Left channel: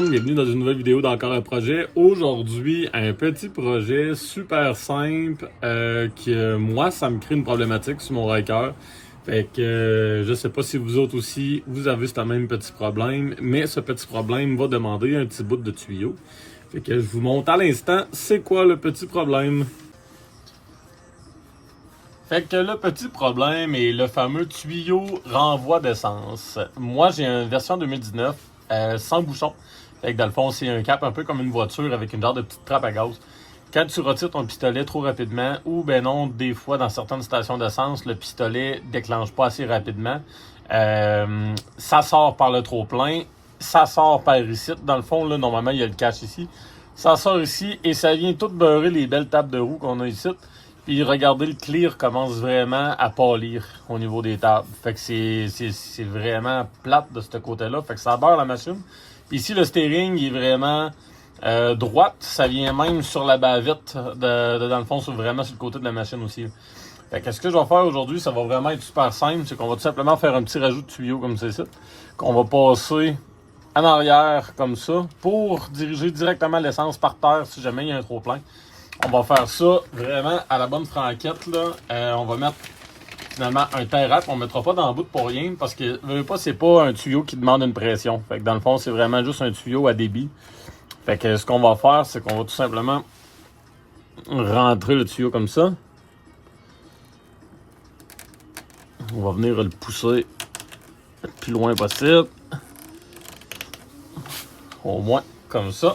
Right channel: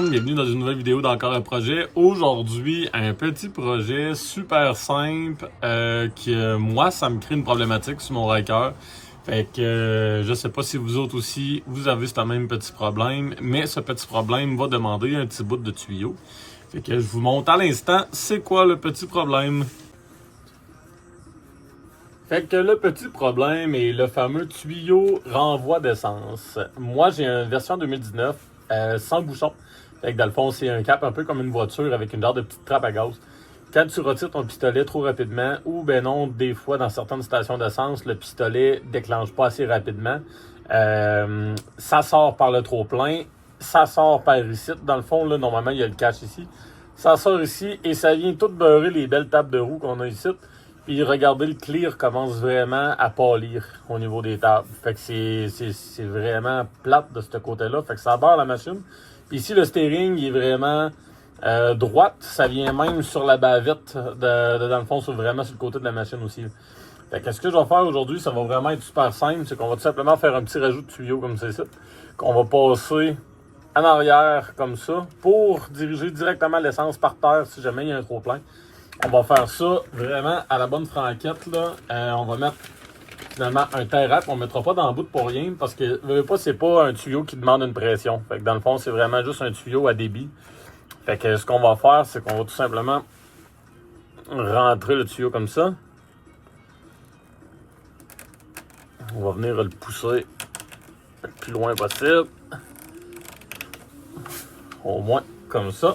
monde, bienvenue dans une nouvelle vidéo d'encore un projet. Aujourd'hui, un petit projet super simple qui, moi, ça me crée une problématique sur mon Ryker. Fait que je sais pas si vous autres aussi, vous avez ce même petit problème, mais ce petit problème va demander un petit bout de tuyau. Fait que je vous montre à l'instant c'est quoi le petit problème. Fait que le petit problème est le fameux tuyau renvoi d'essence. Moi, j'ai une version 2019 sans bouchon. Fait que dans le fond, c'est un cap un peu comme une voiture avec une genre de petite trappe à gaz. Quand tu retires ton pistolet trop rapidement, ou ben non, des fois dans certaines stations d'essence, le pistolet déclenche pas assez rapidement. Ça sort par le trop-plein, ça sort par ici. Dans le fond, là, normalement, il y a le cache ici. Ça sort ici et ça vient tout beurrer les belles tables de roue qu'on a ici. Puis regardez, le clear commence vraiment à pâlir au niveau des tables. Fait que c'est vraiment plate de ce côté-là. Fait que ça beurre la machine. Puis ici, le steering il est vraiment droite. Ça vient même sur la bavette, dans le fond, vraiment sur le côté de la machine aussi. Fait que ce que je vais faire aujourd'hui, ça va vraiment être super simple. C'est qu'on va tout simplement faire un petit rajout de tuyau comme c'est ça. Qu'on va passer en arrière comme ça pour diriger directement l'essence par terre si jamais il y a un trop plein. On va faire ça vraiment à la bonne franquette. Là. On va mettre finalement un tie-wrap. On ne mettra pas dans le bout pour rien parce que c'est pas un tuyau qui demande une pression. Fait que dans le fond, c'est vraiment juste un tuyau à débit. Fait que ce qu'on va faire, c'est qu'on va tout simplement rentrer le tuyau comme ça. On va venir le pousser le plus loin possible. Au moins comme ça.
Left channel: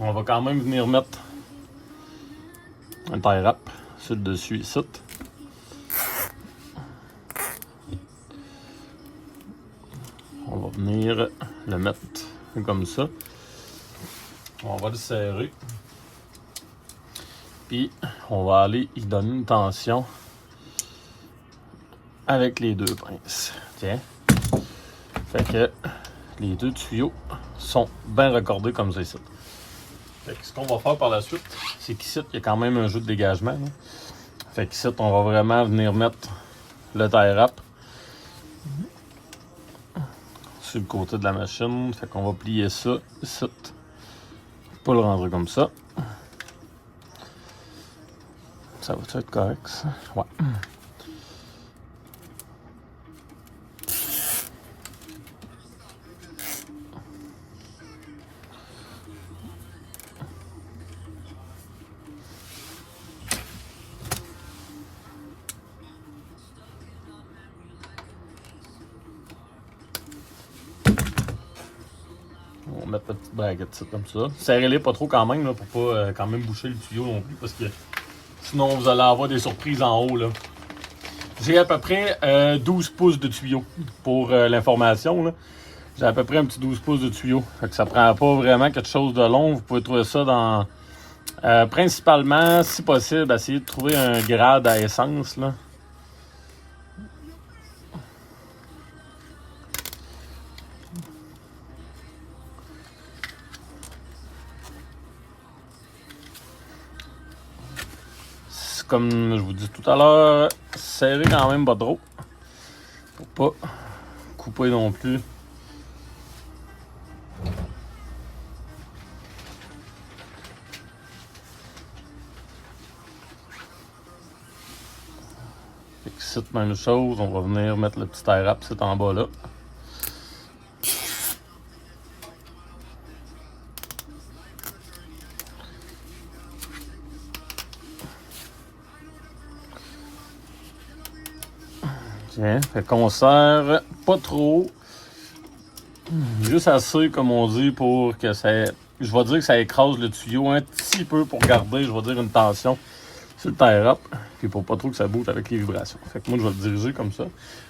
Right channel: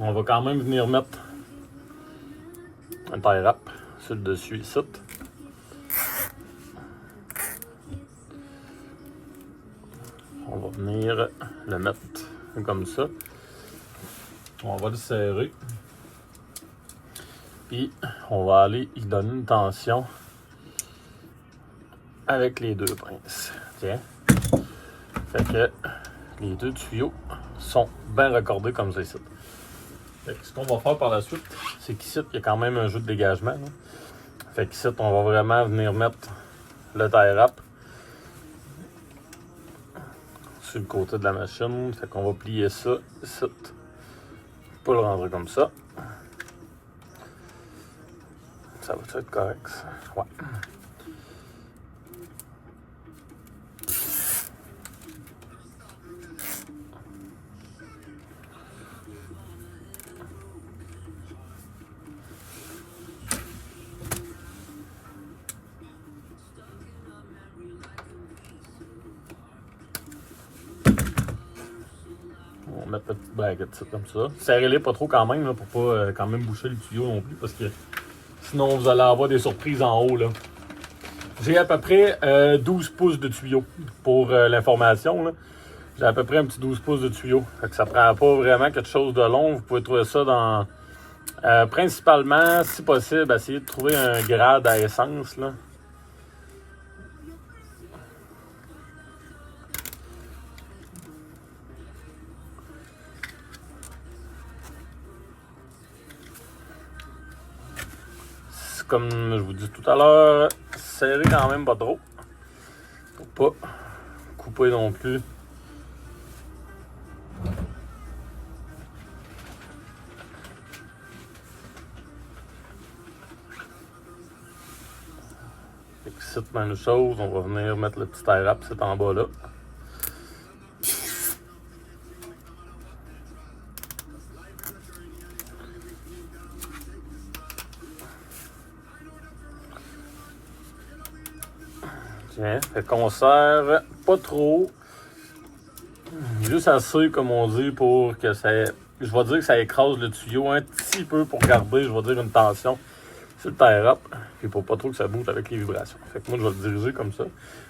On va quand même venir mettre un tie-wrap sur le dessus ici. On va venir le mettre comme ça. On va le serrer. Puis on va aller y donner une tension avec les deux pinces. Tiens. Fait que les deux tuyaux sont bien raccordés comme ça ici. Fait que ce qu'on va faire par la suite, c'est qu'ici, il y a quand même un jeu de dégagement. Fait qu'ici, on va vraiment venir mettre le tie-wrap sur le côté de la machine. Fait qu'on va plier ça ici. Pas le rendre comme ça. Ça va être correct, ça? Ouais. Mettre la petite baguette comme ça. Serrez-les pas trop quand même, là, pour pas quand même boucher le tuyau non plus, parce que sinon vous allez avoir des surprises en haut. Là. J'ai à peu près 12 pouces de tuyau pour l'information. J'ai à peu près un petit 12 pouces de tuyau. Fait que ça prend pas vraiment quelque chose de long. Vous pouvez trouver ça dans... principalement, si possible, essayer de trouver un grade à essence. Là. Comme je vous dis tout à l'heure, serrez quand même pas trop. Faut pas couper non plus. Ici, même chose, on va venir mettre le petit tie-wrap c'est en bas là. Fait qu'on serre pas trop, juste assez comme on dit pour que ça, je vais dire que ça écrase le tuyau un petit peu pour garder, je vais dire une tension sur le tie-wrap, puis pour pas trop que ça bouge avec les vibrations. Fait que moi je vais le diriger comme ça.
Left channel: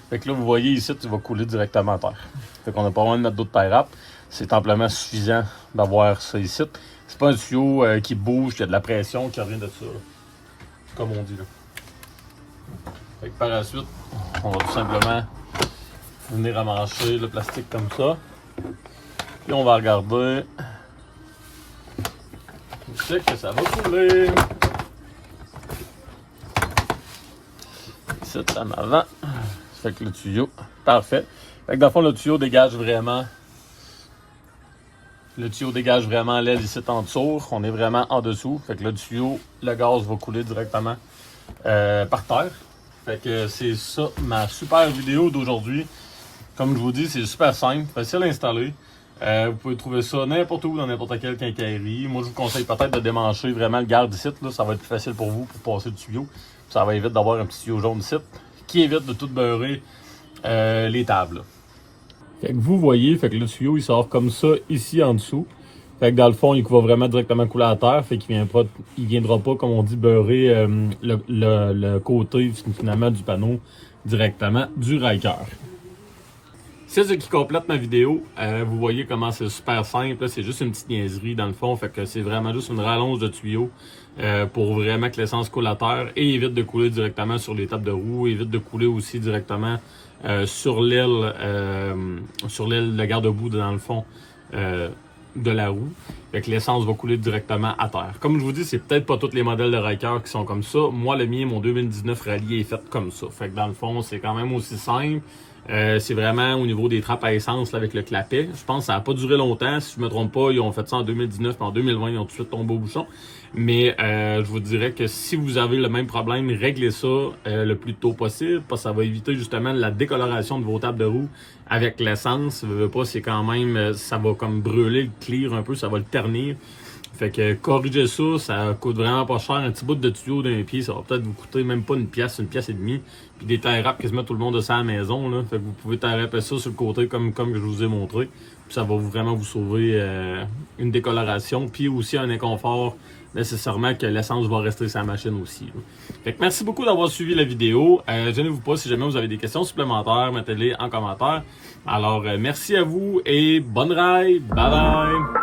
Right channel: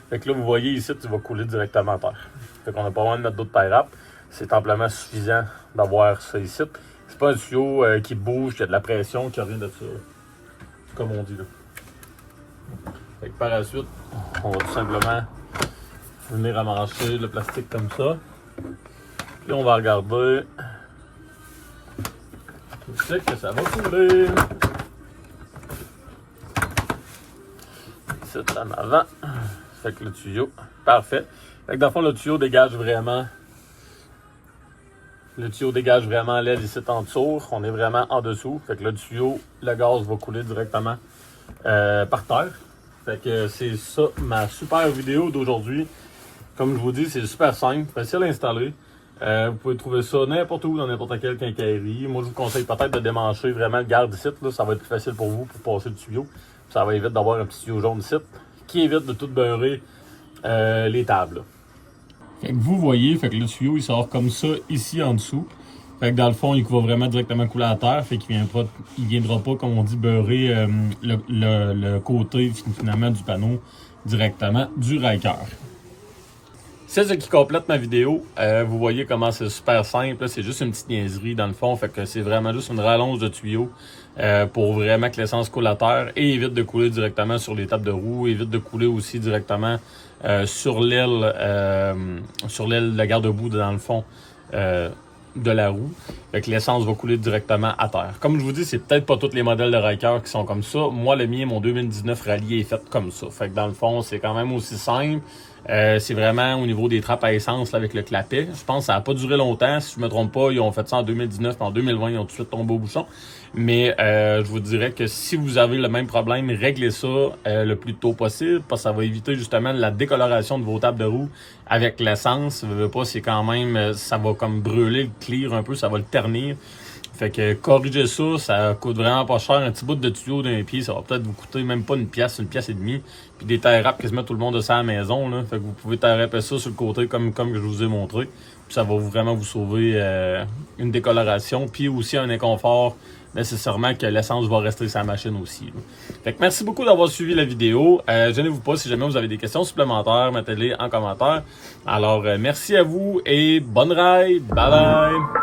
Fait que là vous voyez ici, tu vas couler directement à terre. Fait qu'on n'a pas besoin de mettre d'autres tie-wrap, c'est amplement suffisant d'avoir ça ici. C'est pas un tuyau qui bouge, qui a de la pression, qui a rien de ça, là. Comme on dit là. Fait que par la suite, on va tout simplement venir amancher le plastique comme ça. Puis on va regarder où c'est que ça va couler. Ici en avant. Fait que le tuyau, parfait. Fait que dans le fond, le tuyau dégage vraiment Le tuyau dégage vraiment l'aile ici en dessous. On est vraiment en dessous. Fait que le tuyau, le gaz va couler directement par terre. Fait que c'est ça ma super vidéo d'aujourd'hui. Comme je vous dis, c'est super simple, facile à installer. Vous pouvez trouver ça n'importe où dans n'importe quelle quincaillerie. Moi, je vous conseille peut-être de démancher vraiment le garde ici. Là, ça va être plus facile pour vous pour passer le tuyau. Ça va éviter d'avoir un petit tuyau jaune ici qui évite de tout beurrer les tables. Fait que vous voyez, fait que le tuyau il sort comme ça ici en dessous. Fait que dans le fond, il va vraiment directement couler à terre. Fait qu'il viendra pas, comme on dit, beurrer le côté finalement du panneau directement du Ryker. C'est ce qui complète ma vidéo. Vous voyez comment c'est super simple. C'est juste une petite niaiserie dans le fond. Fait que c'est vraiment juste une rallonge de tuyau pour vraiment que l'essence coule à terre et évite de couler directement sur les tables de roue. Évite de couler aussi directement sur l'aile de garde-boue dans le fond de la roue. Fait que l'essence va couler directement à terre. Comme je vous dis, c'est peut-être pas tous les modèles de Ryker qui sont comme ça. Moi, le mien, mon 2019 Rallye est fait comme ça. Fait que dans le fond, c'est quand même aussi simple. C'est vraiment au niveau des trappes à essence là, avec le clapet. Je pense que ça n'a pas duré longtemps. Si je me trompe pas, ils ont fait ça en 2019 et en 2020, ils ont tout de suite tombé au bouchon. Mais je vous dirais que si vous avez le même problème, réglez ça le plus tôt possible parce que ça va éviter justement la décoloration de vos tables de roue avec l'essence. C'est quand même, ça va comme brûler le clear un peu, ça va le ternir. Fait que corrigez ça, ça coûte vraiment pas cher. Un petit bout de tuyau d'un pied, ça va peut-être vous coûter même pas une pièce et demie. Puis des tie wraps quasiment tout le monde a ça à la maison. Là. Fait que vous pouvez tie wrapper ça sur le côté comme je vous ai montré. Puis ça va vraiment vous sauver une décoloration. Puis aussi un inconfort nécessairement que l'essence va rester sur la machine aussi. Là. Fait que merci beaucoup d'avoir suivi la vidéo. Gênez-vous pas si jamais vous avez des questions supplémentaires, mettez-les en commentaire. Alors merci à vous et bonne ride. Bye bye!